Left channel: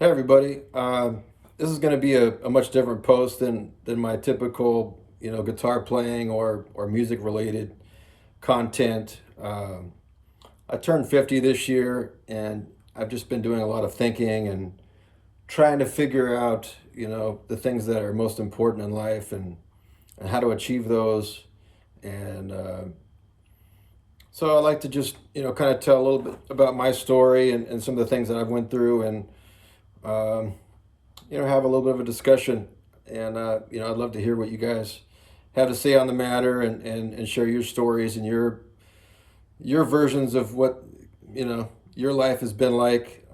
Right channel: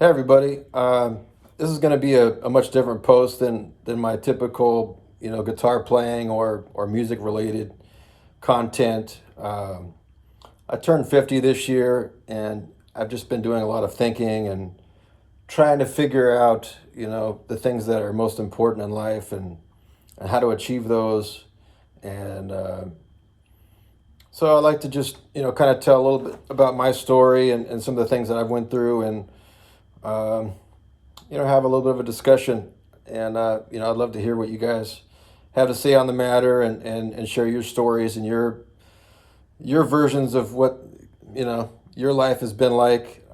Hey everybody, this is going to be a much different post than my typical guitar playing or music related content. I turned 50 this year, and I've just been doing a lot of thinking and trying to figure out the things that are most important in life and how to achieve those. And so I like to just kind of tell a little bit about my story and some of the things that I've went through and. Um, have a little bit of a discussion. And, I'd love to hear what you guys have to say on the matter and share your stories and your versions of what, your life has been like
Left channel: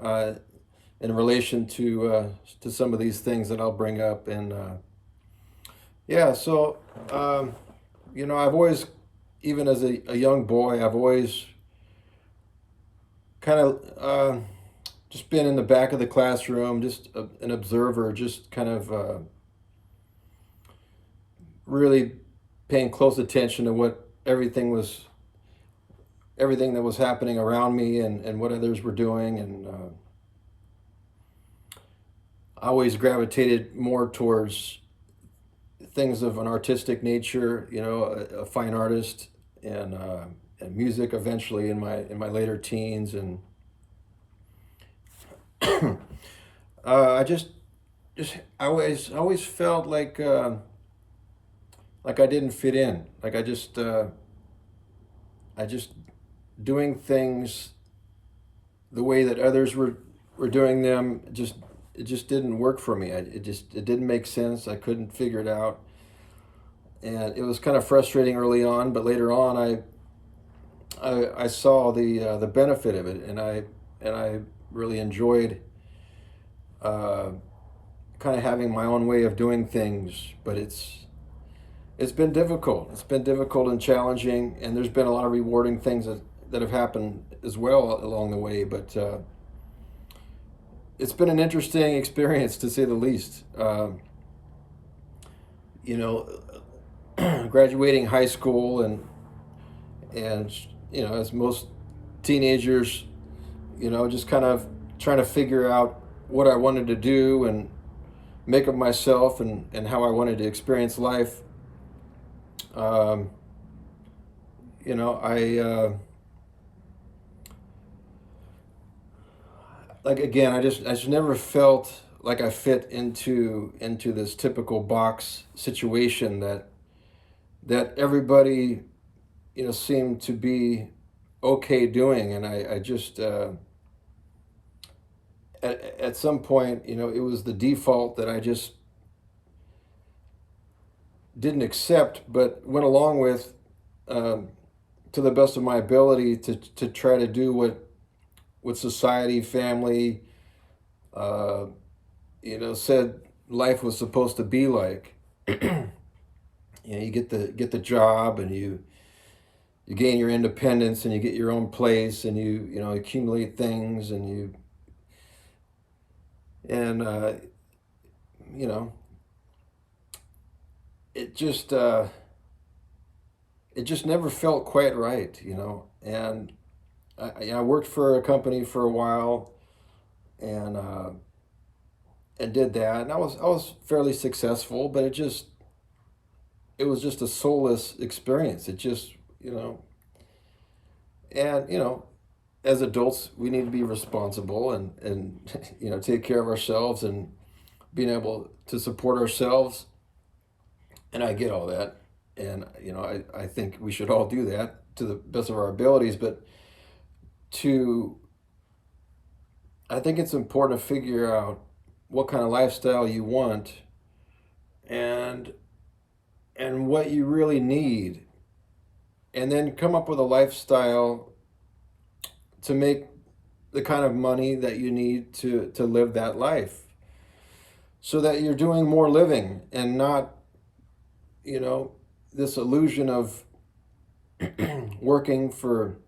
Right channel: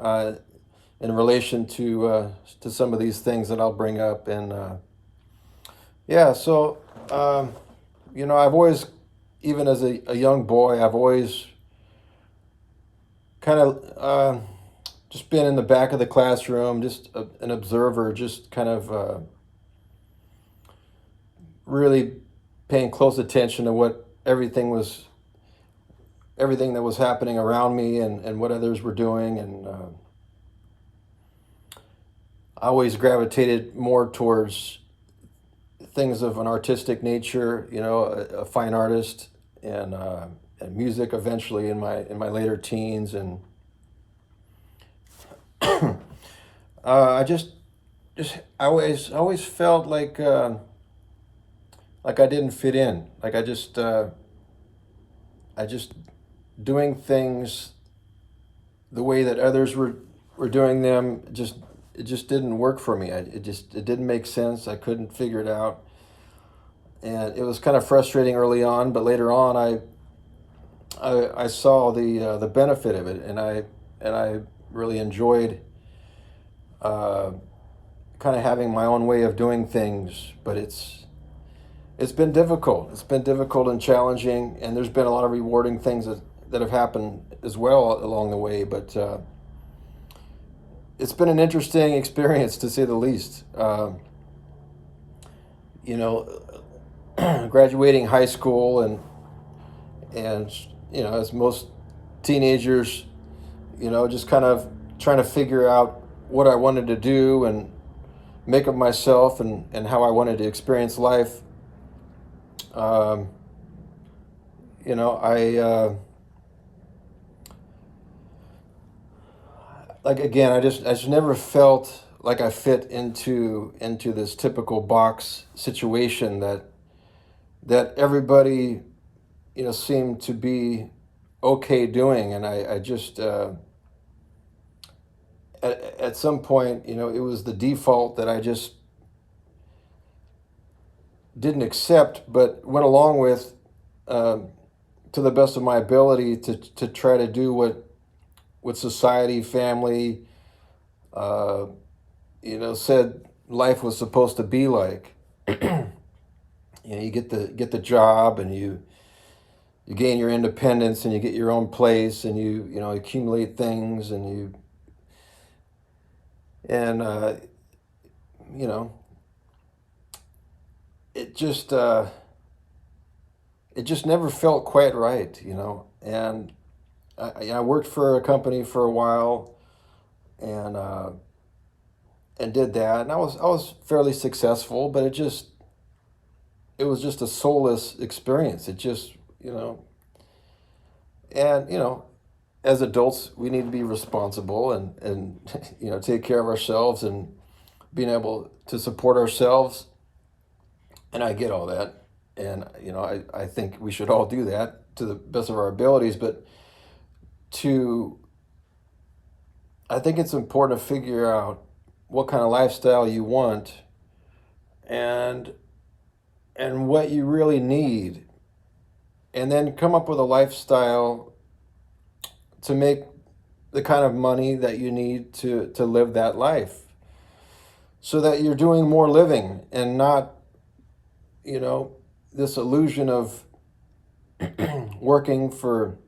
in relation to some of these things that I'll bring up. And, yeah, so, I've always, even as a young boy, I've always kind of just been in the back of the classroom, just an observer, just kind of really paying close attention to what everything that was happening around me and what others were doing. And I always gravitated more towards things of an artistic nature, a fine artist, and music eventually in my later teens. And I always felt like I didn't fit in. Like I just doing things the way that others were doing them. It just didn't work for me. It didn't make sense. I couldn't figure it out, and it was kind of frustrating early on. But later on, I saw the benefit of it, and I really enjoyed uh, kind of having my own way of doing things. But it's been difficult. It's been difficult and challenging, and there's been a lot of rewarding things that have happened as well along the way. But it's been an interesting experience to say the least. You know, Graduating high school and as most teenagers, just kind of trying to figure out what I wanted to do and make of myself and how I wanted to experience life. Um, I like again, I just never felt like I fit into this typical box situation that everybody seemed to be okay doing, and I just at some point, it was the default that I just didn't accept, but went along with um, to the best of my ability to try to do what society, family, uh, said life was supposed to be like. You get the job, and you gain your independence, and you get your own place, and you accumulate things, and you know it just it just never felt quite right. And I worked for a company for a while, and did that, and I was fairly successful, but it was just a soulless experience. It just you know and as adults, we need to be responsible and take care of ourselves and being able to support ourselves. And I get all that, and I think we should all do that to the best of our abilities. But to I think it's important to figure out what kind of lifestyle you want and what you really need, and then come up with a lifestyle to make the kind of money that you need to live that life, so that you're doing more living and not you know this illusion of working for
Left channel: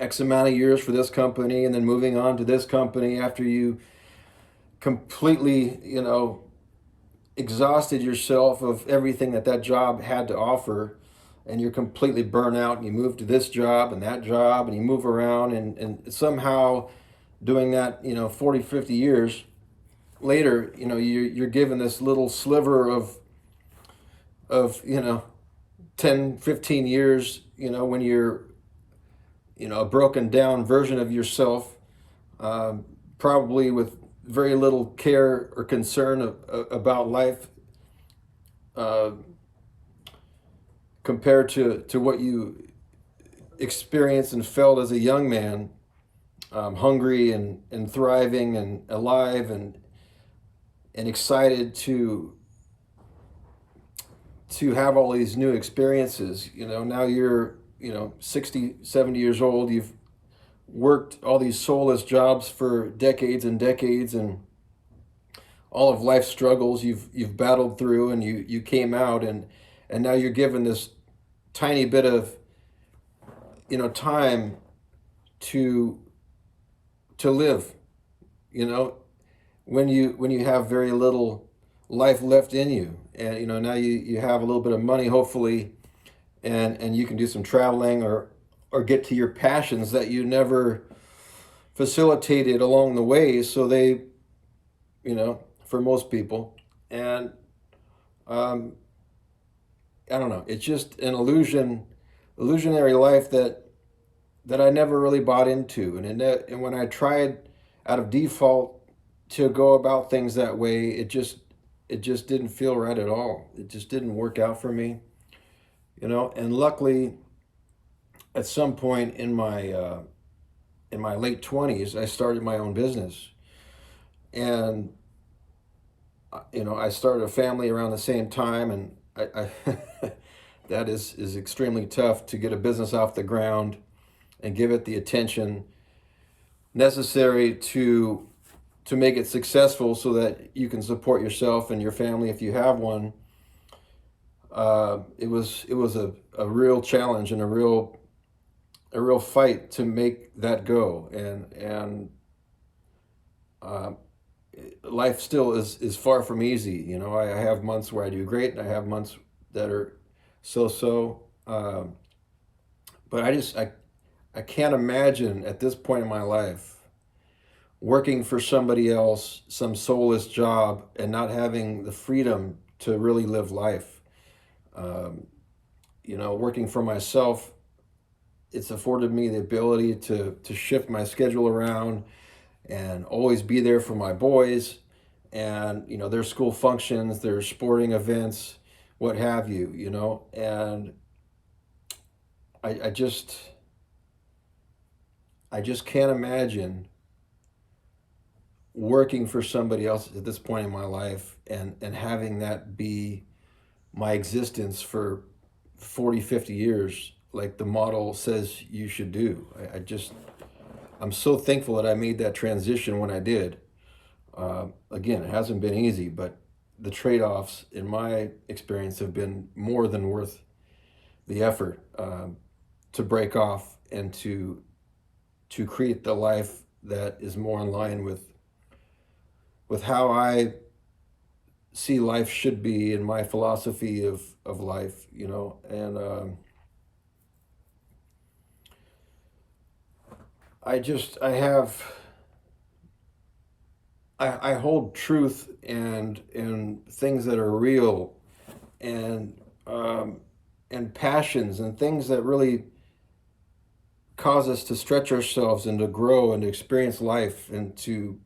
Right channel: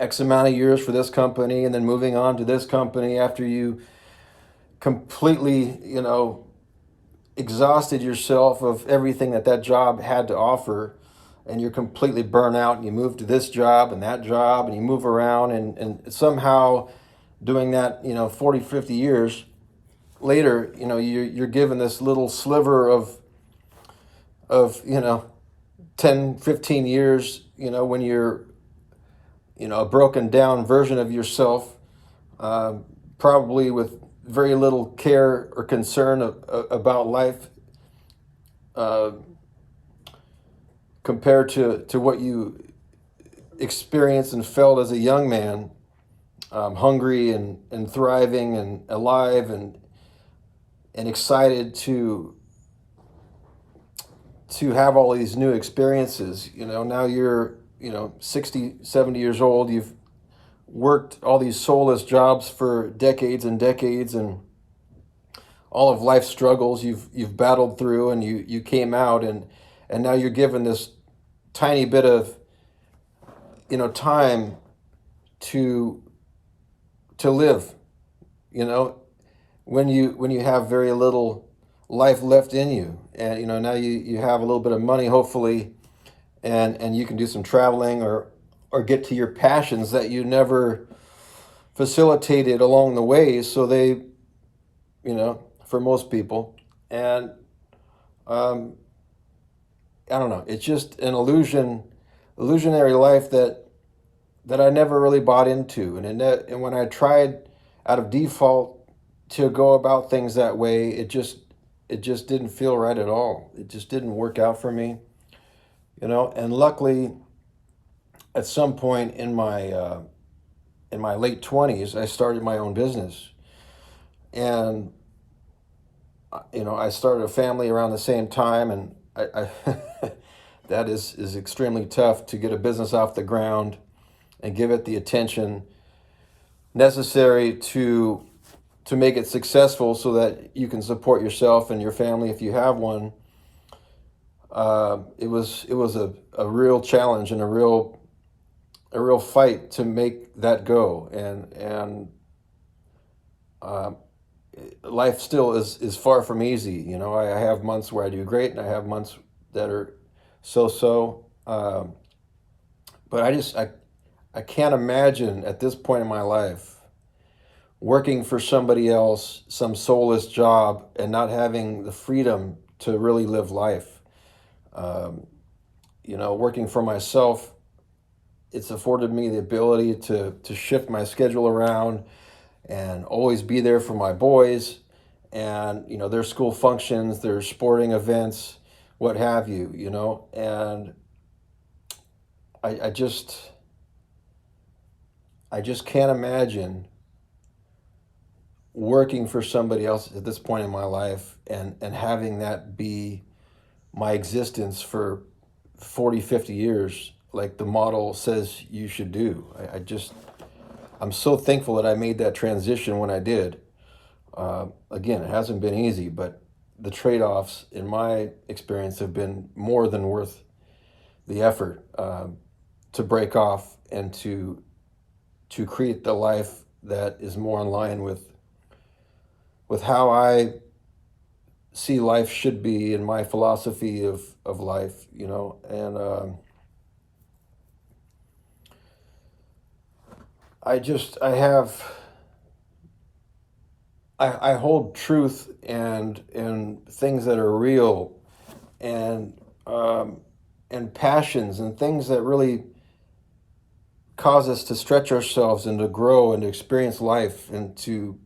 X amount of years for this company and then moving on to this company after you completely exhausted yourself of everything that job had to offer, and you're completely burnt out, and you move to this job and that job, and you move around, and somehow doing that 40, 50 years, later, you're given this little sliver of 10, 15 years, when you're, a broken down version of yourself, probably with very little care or concern about life, uh, compared to what you experienced and felt as a young man, hungry and thriving and alive and excited to have all these new experiences. Now you're 60, 70 years old. You've worked all these soulless jobs for decades and decades, and all of life's struggles you've battled through, and you came out, and now you're given this tiny bit of time to live. you know when you have very little life left in you, and now you have a little bit of money, hopefully, and you can do some traveling, or get to your passions that you never facilitated along the way. So they, for most people, and I don't know, it's just an illusionary life that I never really bought into. And when I tried out of default to go about things that way, it just didn't feel right at all. It just didn't work out for me, And luckily, at some point in my late 20s, I started my own business, and I started a family around the same time, and I that is extremely tough to get a business off the ground and give it the attention necessary to make it successful, so that you can support yourself and your family if you have one. It was a real challenge and a real fight to make that go, and life still is far from easy. I have months where I do great, and I have months that are so. But I can't imagine at this point in my life working for somebody else, some soulless job, and not having the freedom to really live life. Working for myself, it's afforded me the ability to shift my schedule around and always be there for my boys, and their school functions, their sporting events, what have you. And I just can't imagine working for somebody else at this point in my life, and having that be my existence for 40, 50 years, like the model says you should do. I'm so thankful that I made that transition when I did. Again, it hasn't been easy, but the trade-offs, in my experience, have been more than worth the effort, to break off and to create the life that is more in line with how I see life should be, and my philosophy of life. And I hold truth and things that are real, and passions, and things that really cause us to stretch ourselves and to grow and to experience life, and to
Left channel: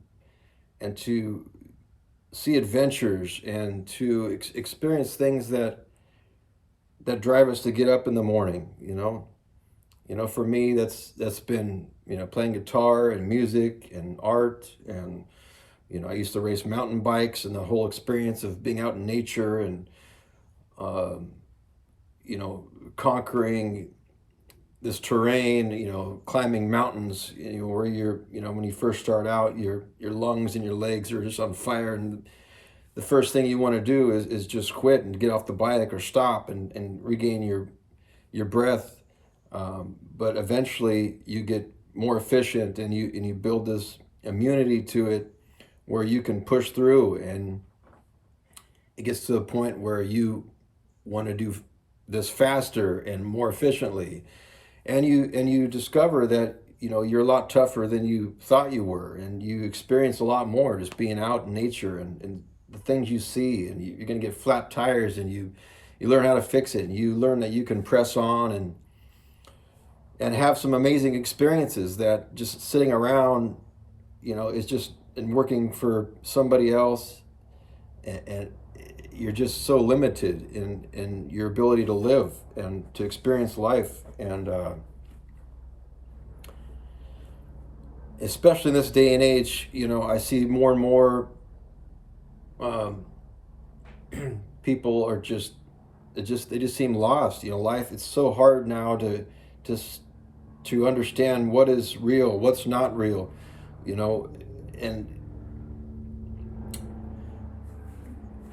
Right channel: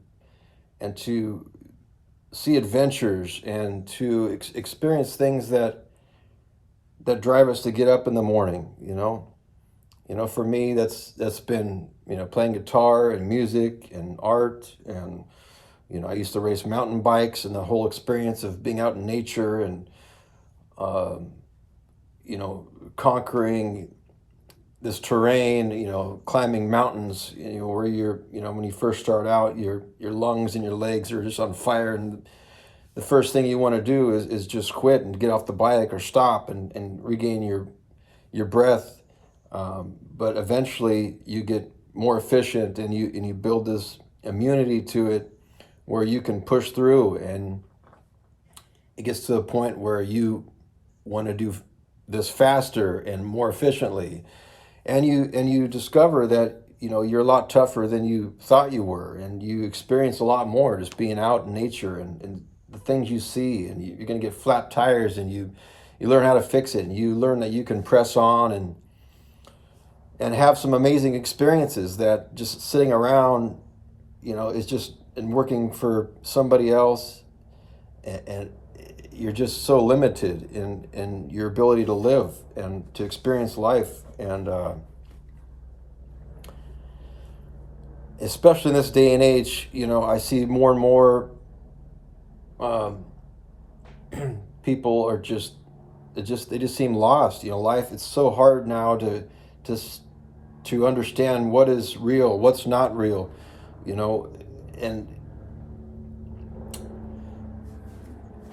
see adventures, and to experience things that drive us to get up in the morning. For me, that's been playing guitar and music and art, and I used to race mountain bikes, and the whole experience of being out in nature, and um, conquering this terrain, climbing mountains, where when you first start out, your lungs and your legs are just on fire, and the first thing you want to do is just quit and get off the bike, or stop and regain your breath. But eventually you get more efficient, and you build this immunity to it, where you can push through, and it gets to a point where you want to do this faster and more efficiently, and you discover that you're a lot tougher than you thought you were, and you experience a lot more just being out in nature, and the things you see, and you're going to get flat tires, and you learn how to fix it, and you learn that you can press on and have some amazing experiences that just sitting around, is just and working for somebody else, and you're just so limited in your ability to live and to experience life. And especially in this day and age, I see more and more people are they just seem lost. Life, it's so hard now to to understand what is real, what's not real, and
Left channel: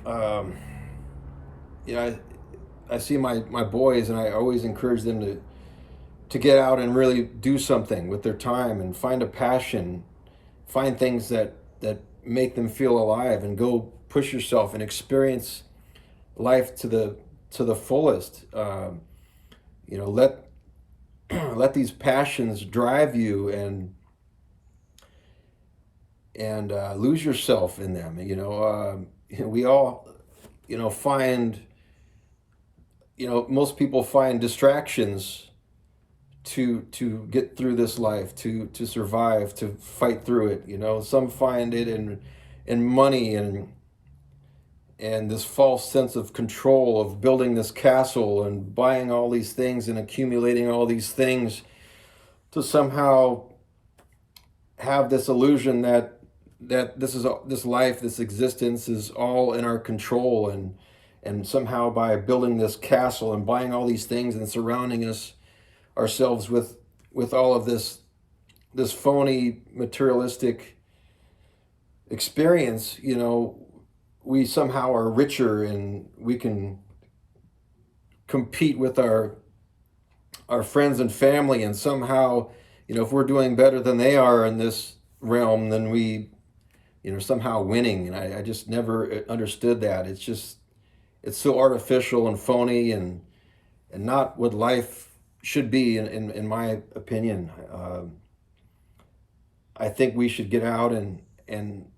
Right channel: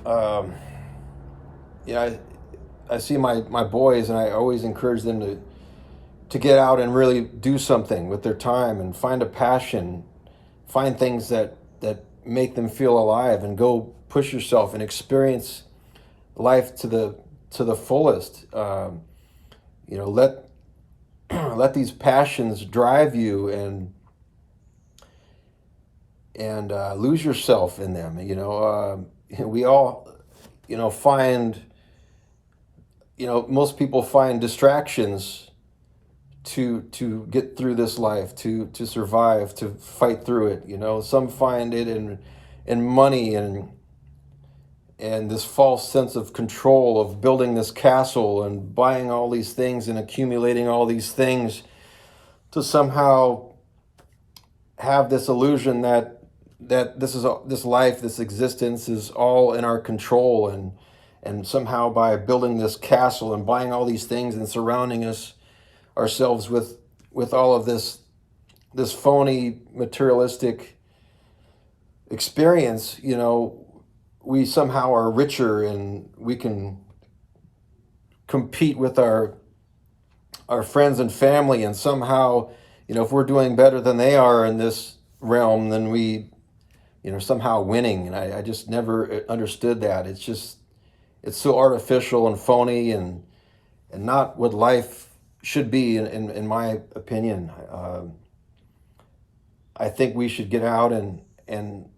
um, I see my boys, and I always encourage them to get out and really do something with their time and find a passion, find things that make them feel alive, and go push yourself and experience life to the fullest. Let let these passions drive you, and lose yourself in them. We all find most people find distractions to get through this life, to survive, to fight through it. Some find it in money, and this false sense of control of building this castle and buying all these things and accumulating all these things to somehow have this illusion that this life, this existence is all in our control, and somehow by building this castle and buying all these things and surrounding ourselves with all of this phony materialistic experience, we somehow are richer, and we can compete with our friends and family, and somehow, if we're doing better than they are in this realm, then we, somehow winning. And I just never understood that. It's so artificial and phony, and not what life should be, in my opinion. I think we should get out and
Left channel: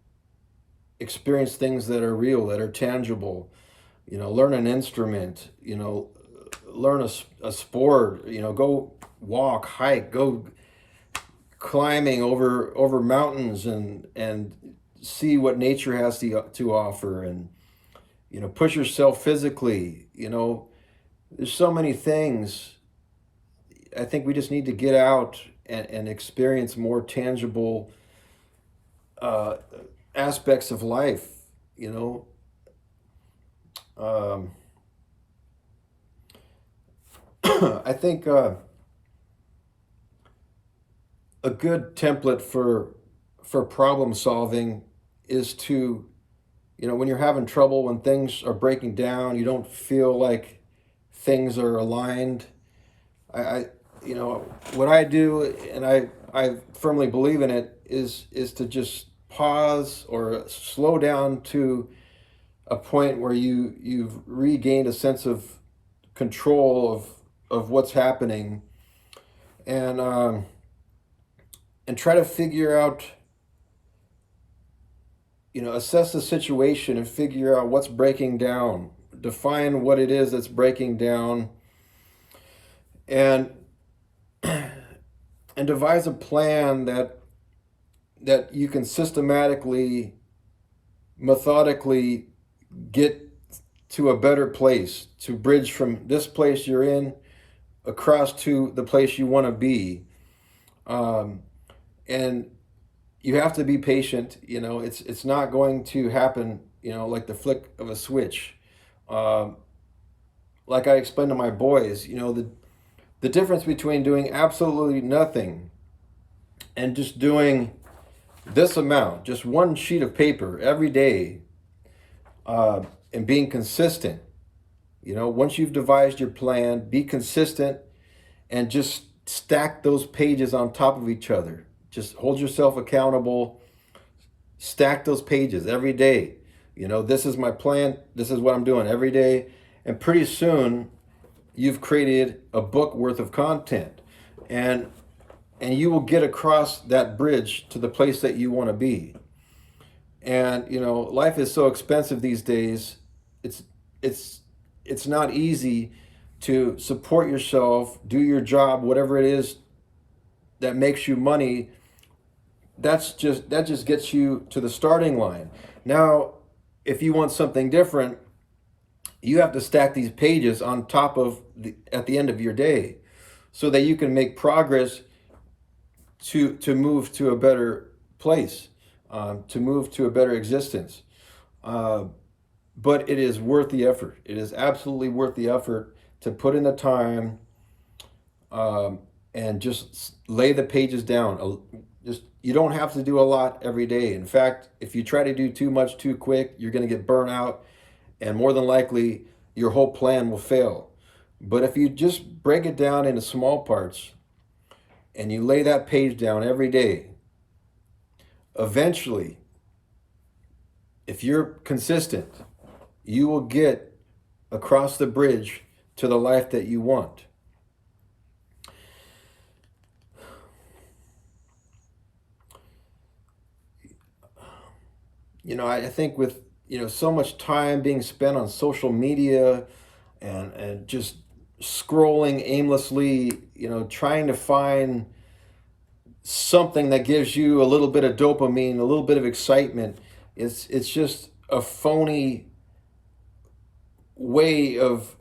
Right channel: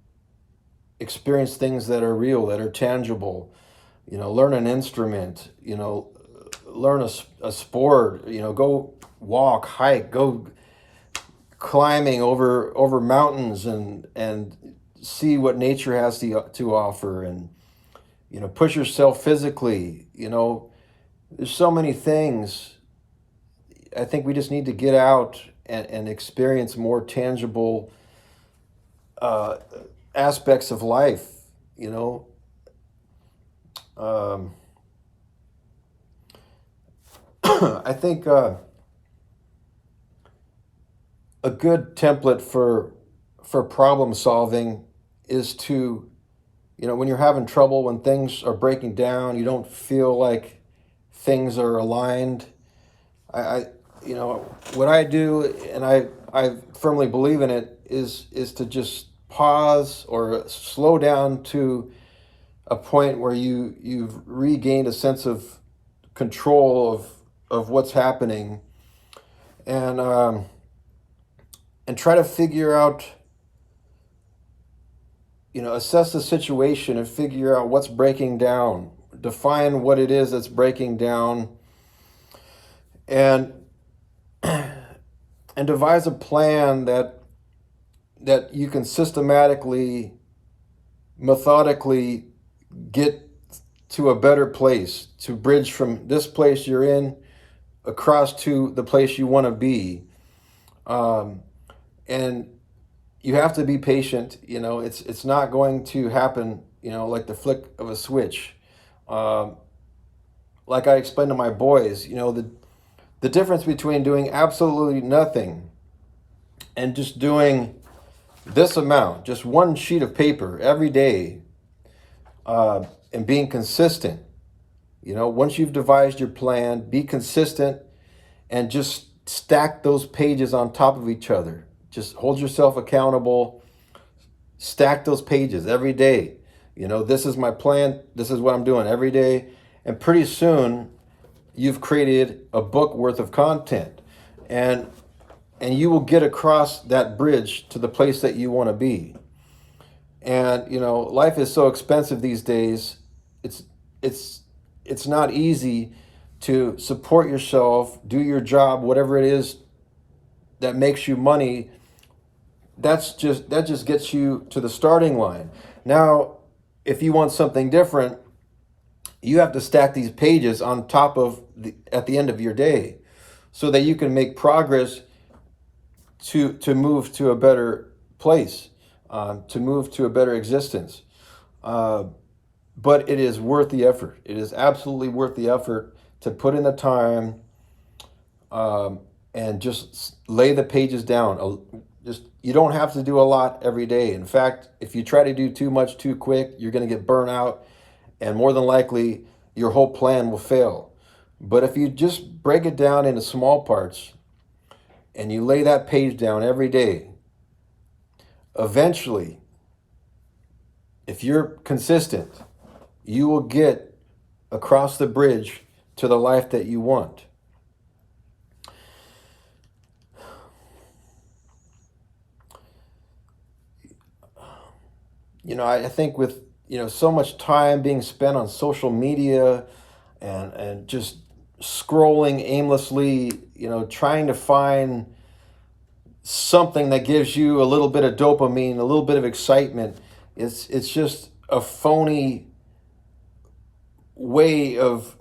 experience things that are real, that are tangible. Learn an instrument. Learn a sport. Go walk, hike, go climbing over mountains, and see what nature has to offer, and push yourself physically. There's so many things. I think we just need to get out and experience more tangible aspects of life. I think a good template for problem solving is to, when you're having trouble, when things are breaking down, you don't feel like things are aligned. What I do, and I firmly believe in it, is to just pause or slow down to a point where you've regained a sense of control of what's happening, and try to figure out, assess the situation and figure out what's breaking down, define what it is that's breaking down, and devise a plan that you can systematically, methodically get to a better place, to bridge from this place you're in across to the place you want to be. And you have to be patient. It's not going to happen, like the flick of a switch. Like I explained to my boys, the difference between doing absolutely nothing and just doing this amount, just one sheet of paper every day, and being consistent. Once you've devised your plan, be consistent, and just stack those pages on top of each other. Just hold yourself accountable. Stack those pages every day. This is my plan. This is what I'm doing every day. And pretty soon, you've created a book worth of content. And and you will get across that bridge to the place that you want to be. And life is so expensive these days. It's it's it's not easy to support yourself, do your job, whatever it is that makes you money. That just gets you to the starting line. Now, if you want something different, you have to stack these pages on top of at the end of your day, so that you can make progress to move to a better place, to move to a better existence. Uh, but it is worth the effort. It is absolutely worth the effort to put in the time, um, and just lay the pages down. Just you don't have to do a lot every day. In fact, if you try to do too much too quick, you're going to get burnt out, and more than likely, your whole plan will fail. But if you just break it down into small parts and you lay that page down every day, eventually, if you're consistent, you will get across the bridge to the life that you want. I think with so much time being spent on social media, and just scrolling aimlessly, trying to find something that gives you a little bit of dopamine, a little bit of excitement. It's just a phony way of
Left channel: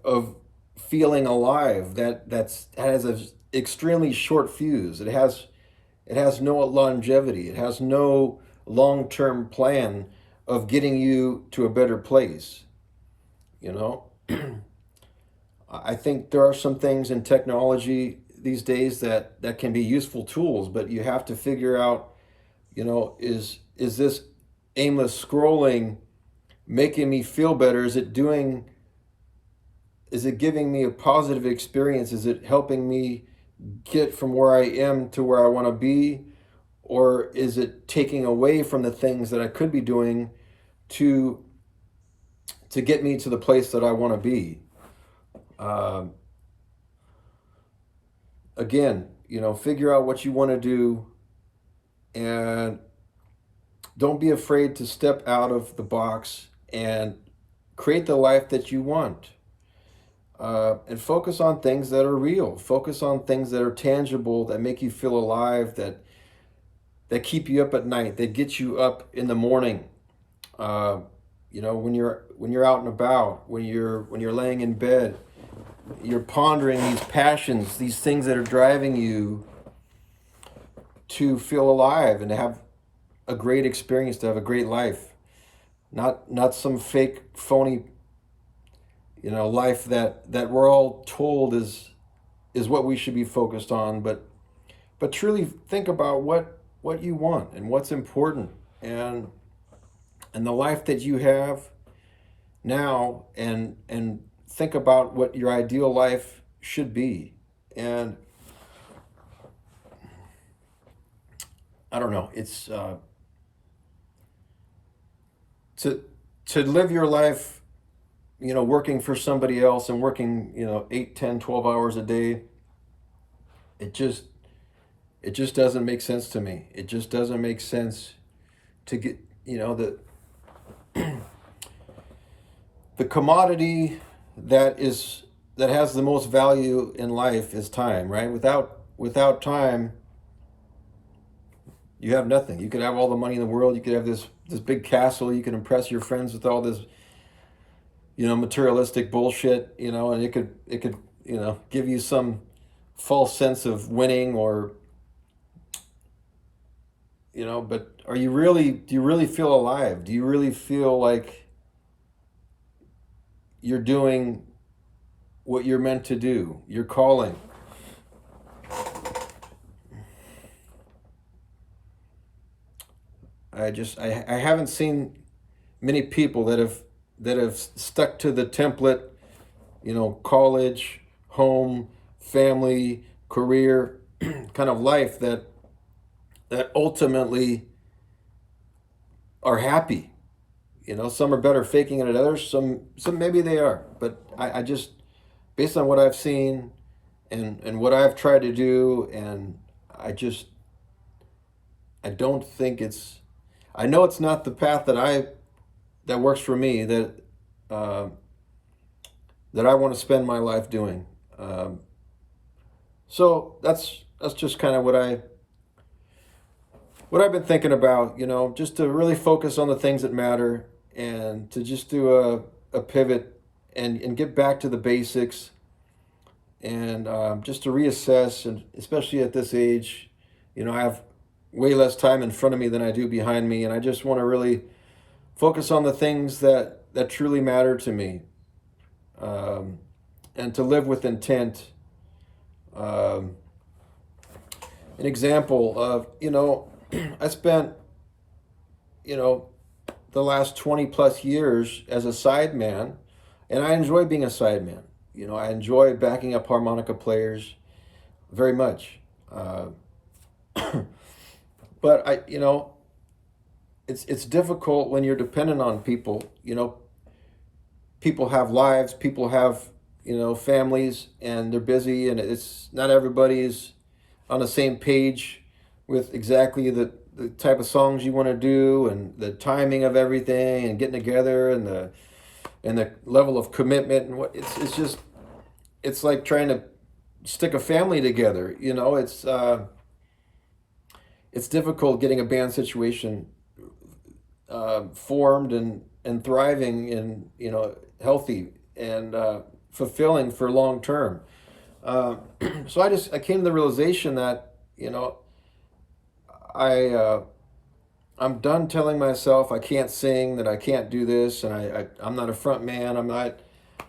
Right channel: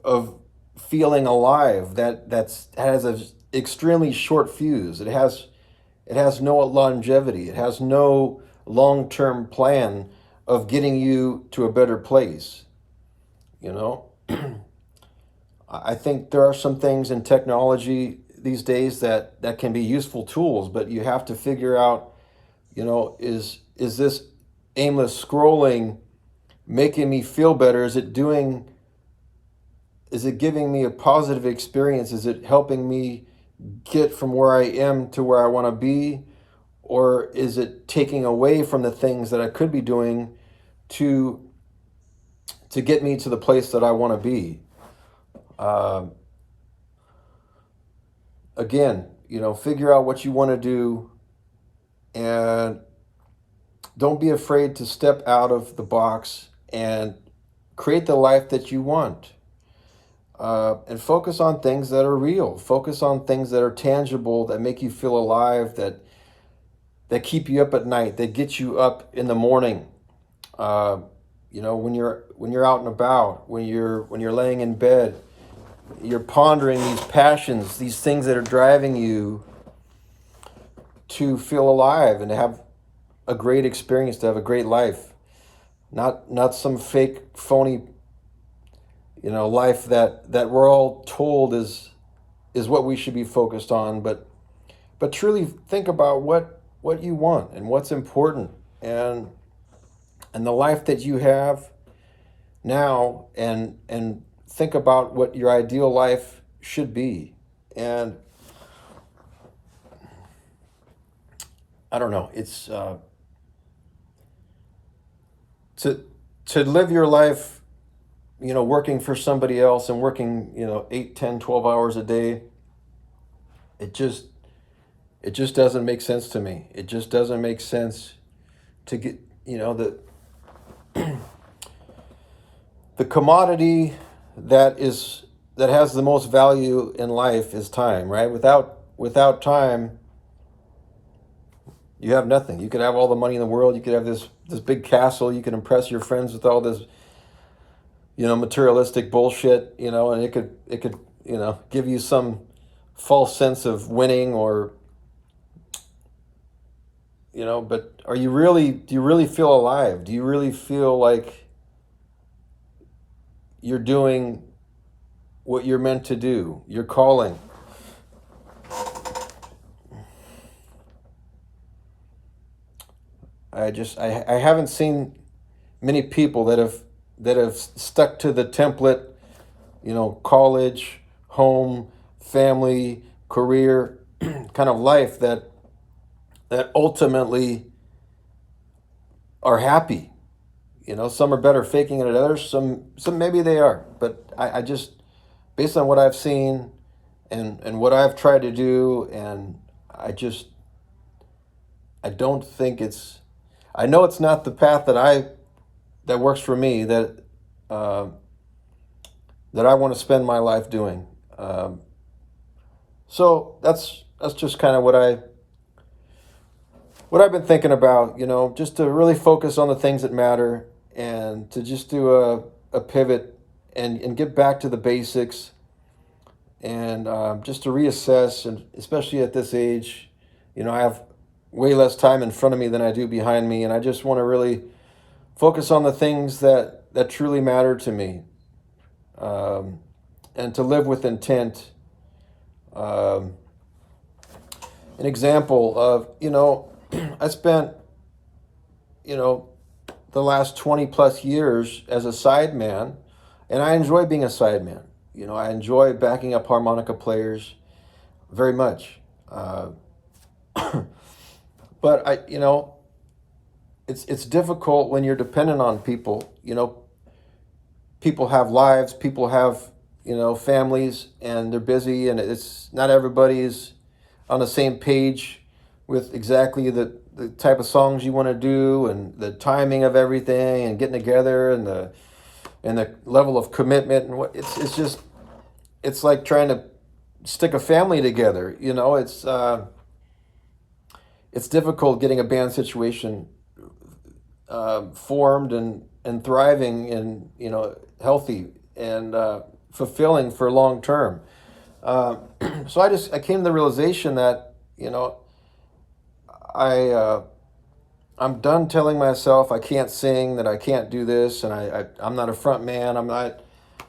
feeling alive that has an extremely short fuse. It has no longevity. It has no long-term plan of getting you to a better place. You know, I think there are some things in technology these days that can be useful tools, but you have to figure out, is this aimless scrolling making me feel better? Is it giving me a positive experience? Is it helping me get from where I am to where I want to be? Or is it taking away from the things that I could be doing to get me to the place that I want to be? Um, Again, figure out what you want to do, and don't be afraid to step out of the box and create the life that you want. And focus on things that are real. Focus on things that are tangible, that make you feel alive, that keep you up at night, that get you up in the morning. Uh, when you're out and about, when you're laying in bed, you're pondering these passions, these things that are driving you to feel alive and to have a great experience, to have a great life. Not some fake, phony, life that we're all told is what we should be focused on, but truly think about what you want and what's important, and the life that you have now, and think about what your ideal life should be. And I don't know, it's to live your life, working for somebody else and working 8, 10, 12 hours a day. It just doesn't make sense to me. It just doesn't make sense to get, the commodity that has the most value in life is time, right? Without time, you have nothing. You could have all the money in the world. You could have this big castle. You could impress your friends with all this, materialistic bullshit, and it could give you some false sense of winning, or but do you really feel alive? Do you really feel like you're doing what you're meant to do, your calling? I haven't seen many people that have stuck to the template, college, home, family, career kind of life that ultimately are happy. Some are better faking it at others. Some maybe they are, but I just, based on what I've seen and what I've tried to do, and I don't think I know it's not the path that works for me, uh, that I want to spend my life doing. So that's just kind of what I've been thinking about, just to really focus on the things that matter, and to just do a pivot, and get back to the basics, and just to reassess. And especially at this age, I have way less time in front of me than I do behind me. And I just want to really focus on the things that truly matter to me, and to live with intent. Um, an example of, I spent, you know, the last 20 plus years as a sideman, and I enjoy being a sideman. I enjoy backing up harmonica players very much. Uh, but it's difficult when you're dependent on people. People have lives, people have, families, and they're busy, and it's not everybody's on the same page with exactly the type of songs you want to do, and the timing of everything, and getting together, and the level of commitment, and it's like trying to stick a family together. It's difficult getting a band situation formed, and thriving, and healthy, and fulfilling for long term. Uh, so I came to the realization that I I'm done telling myself I can't sing, that I can't do this, and I'm not a front man. I'm not.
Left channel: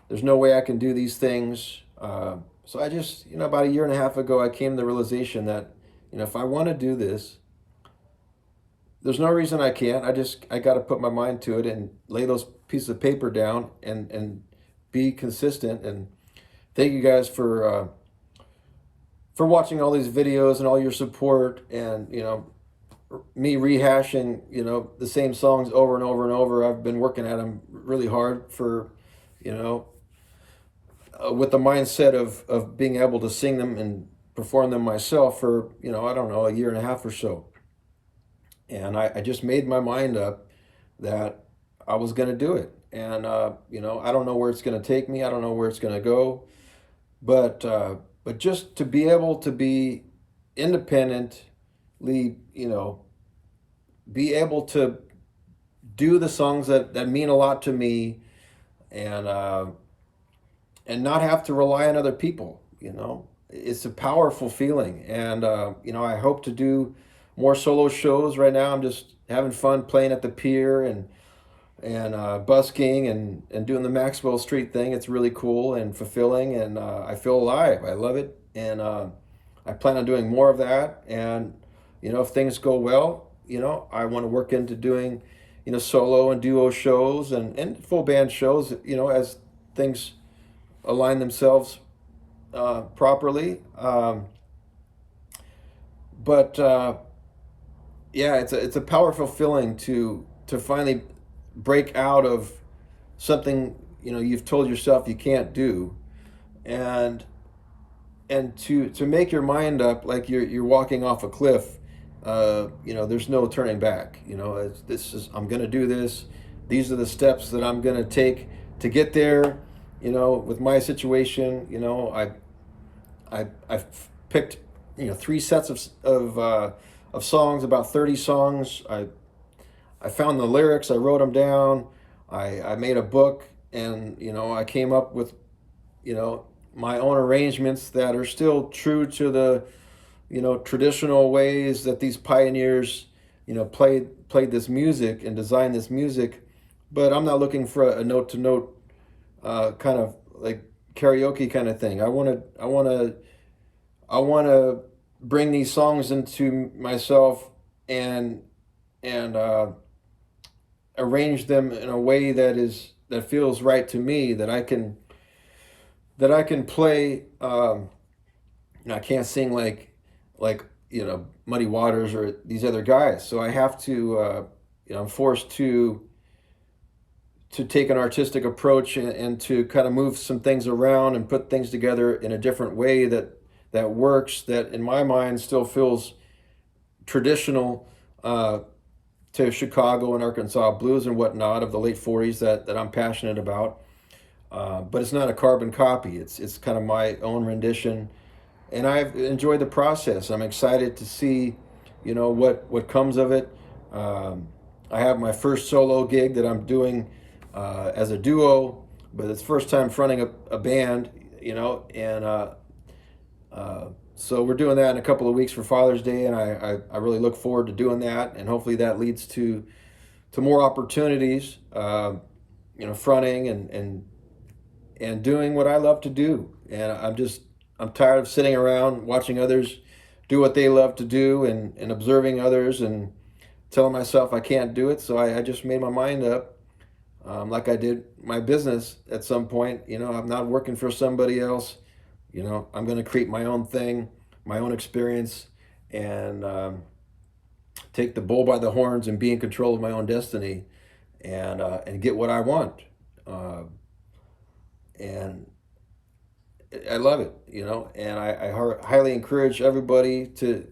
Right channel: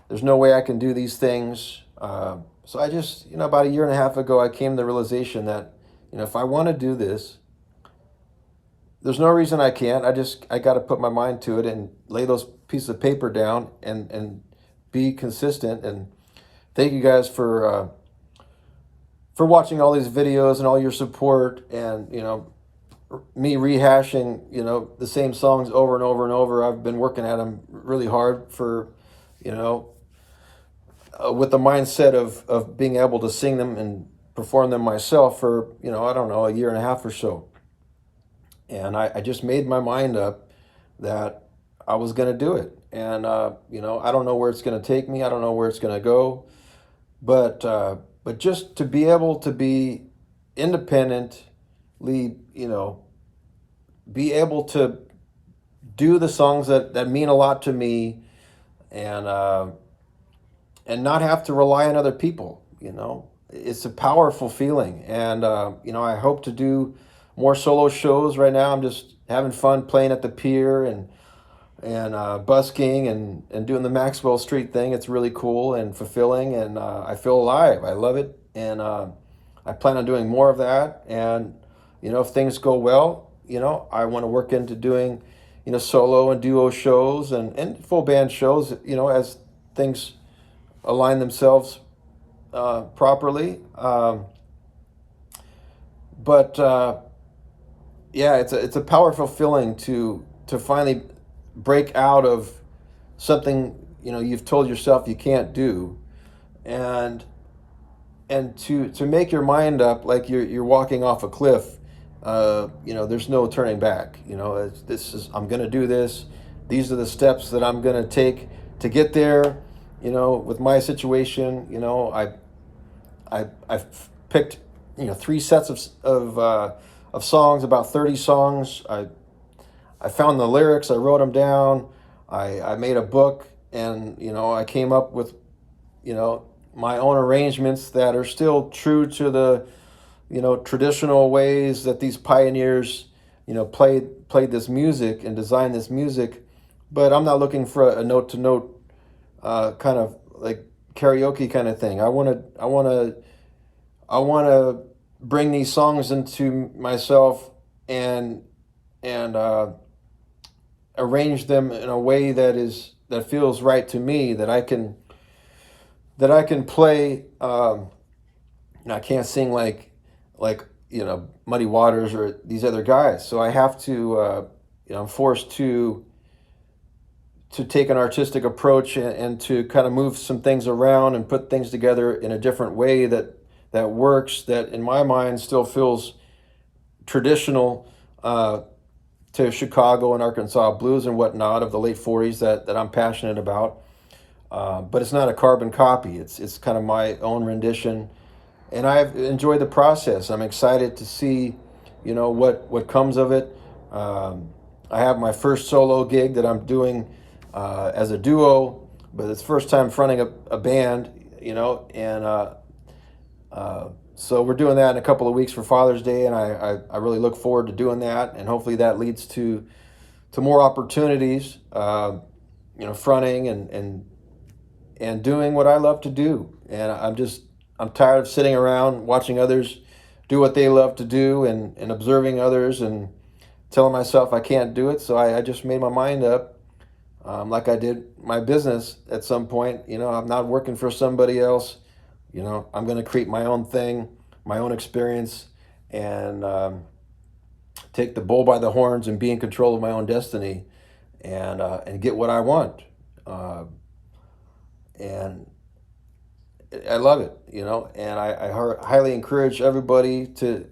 There's no way I can do these things. So I just, about a year and a half ago, I came to the realization that, if I want to do this, there's no reason I can't. I got to put my mind to it, and lay those pieces of paper down, and be consistent. And thank you guys for watching all these videos, and all your support, and me rehashing the same songs over and over and over. I've been working at them really hard for you know with the mindset of being able to sing them and perform them myself for I don't know, a year and a half or so. And I just made my mind up that I was going to do it. And I don't know where it's going to take me. I don't know where it's going to go. But just to be able to be independently, be able to do the songs that mean a lot to me, and not have to rely on other people. It's a powerful feeling. And I hope to do more solo shows. Right now I'm just having fun playing at the pier, and busking, and doing the Maxwell Street thing. It's really cool and fulfilling, and I feel alive. I love it, and I plan on doing more of that. And if things go well, I want to work into doing solo and duo shows, and full band shows, as things align themselves properly. But yeah, it's a powerful feeling to finally break out of something you've told yourself you can't do, and to make your mind up like you're walking off a cliff. There's no turning back. I'm gonna do this. These are the steps that I'm gonna take to get there. With my situation, I've picked 3 sets of songs, about 30 songs. I found the lyrics, I wrote them down, I made a book, and I came up with my own arrangements that are still true to the traditional ways that these pioneers played this music and designed this music. But I'm not looking for a note to note kind of like karaoke kind of thing. I want to bring these songs into myself, and arrange them in a way that feels right to me, that I can play. I can't sing like Muddy Waters or these other guys, so I have to I'm forced to take an artistic approach, and to kind of move some things around and put things together in a different way that that works, that in my mind still feels traditional to Chicago and Arkansas blues and whatnot of the late 40s that I'm passionate about. But it's not a carbon copy. It's kind of my own rendition, and I've enjoyed the process. I'm excited to see, what comes of it. I have my first solo gig that I'm doing as a duo, but it's first time fronting a band, and so we're doing that in a couple of weeks for Father's Day, and I really look forward to doing that, and hopefully that leads to more opportunities, fronting and doing what I love to do. And I'm tired of sitting around watching others do what they love to do and observing others and telling myself I can't do it. So I just made my mind up, like I did my business at some point. I'm not working for somebody else. I'm going to create my own thing, my own experience, and take the bull by the horns and be in control of my own destiny, and get what I want. And I love it, and I highly encourage everybody to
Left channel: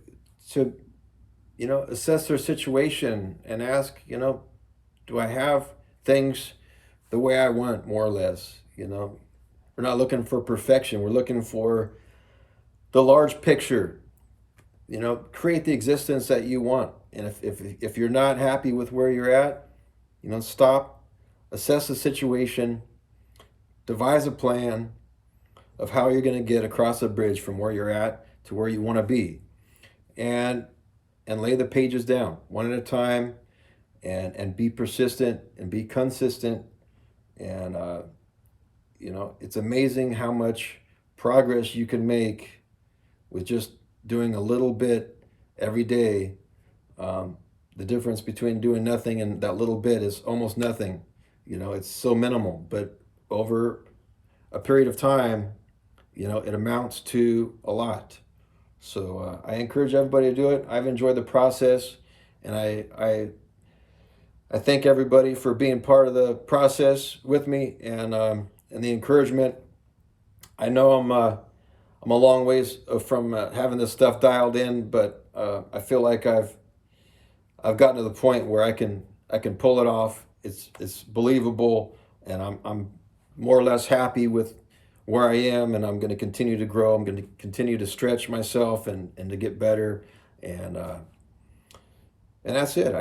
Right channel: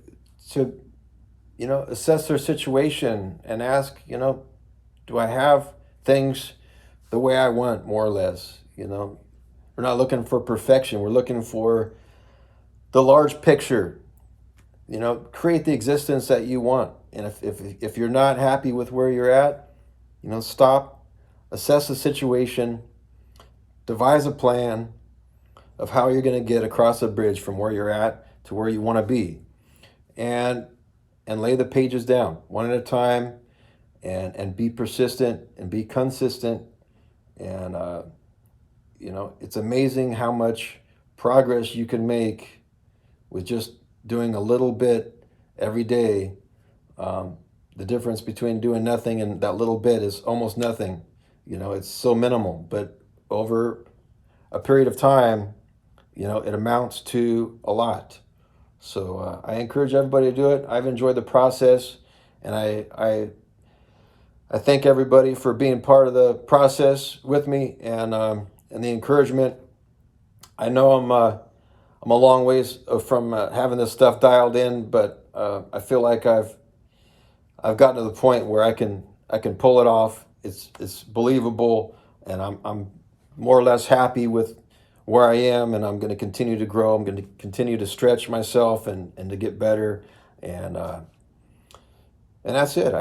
assess their situation and ask, do I have things the way I want, more or less? We're not looking for perfection. We're looking for the large picture. Create the existence that you want. And if you're not happy with where you're at, stop, assess the situation, devise a plan of how you're going to get across the bridge from where you're at to where you want to be, and lay the pages down one at a time, and be persistent and be consistent. And it's amazing how much progress you can make with just doing a little bit every day. The difference between doing nothing and that little bit is almost nothing. It's so minimal, but over a period of time, it amounts to a lot. So I encourage everybody to do it. I've enjoyed the process, and I thank everybody for being part of the process with me, and the encouragement. I know I'm a long ways from having this stuff dialed in, but I feel like I've gotten to the point where I can pull it off. It's believable, and I'm more or less happy with where I am, and I'm going to continue to grow. I'm going to continue to stretch myself and to get better, and that's it.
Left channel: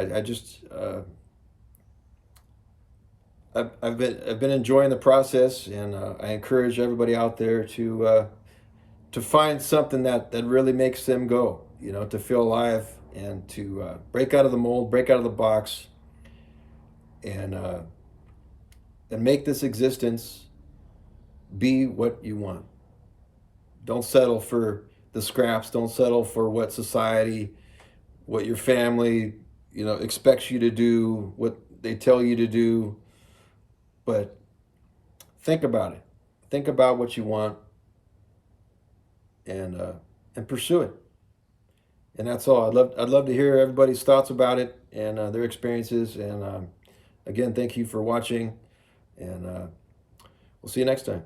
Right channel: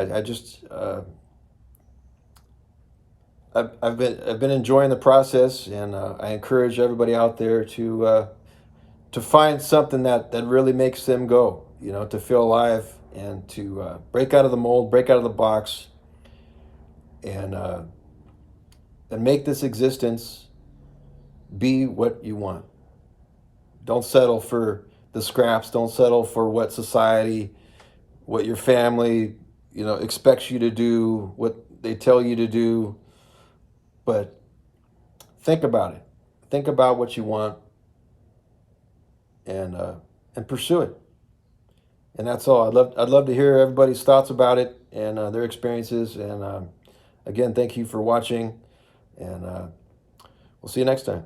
I've been enjoying the process, and I encourage everybody out there to find something that really makes them go. To feel alive and to break out of the mold, break out of the box, and make this existence be what you want. Don't settle for the scraps. Don't settle for what society, what your family, expects you to do, what they tell you to do. But think about it. Think about what you want, and pursue it. And that's all. I'd love to hear everybody's thoughts about it and their experiences. And again, thank you for watching, and we'll see you next time.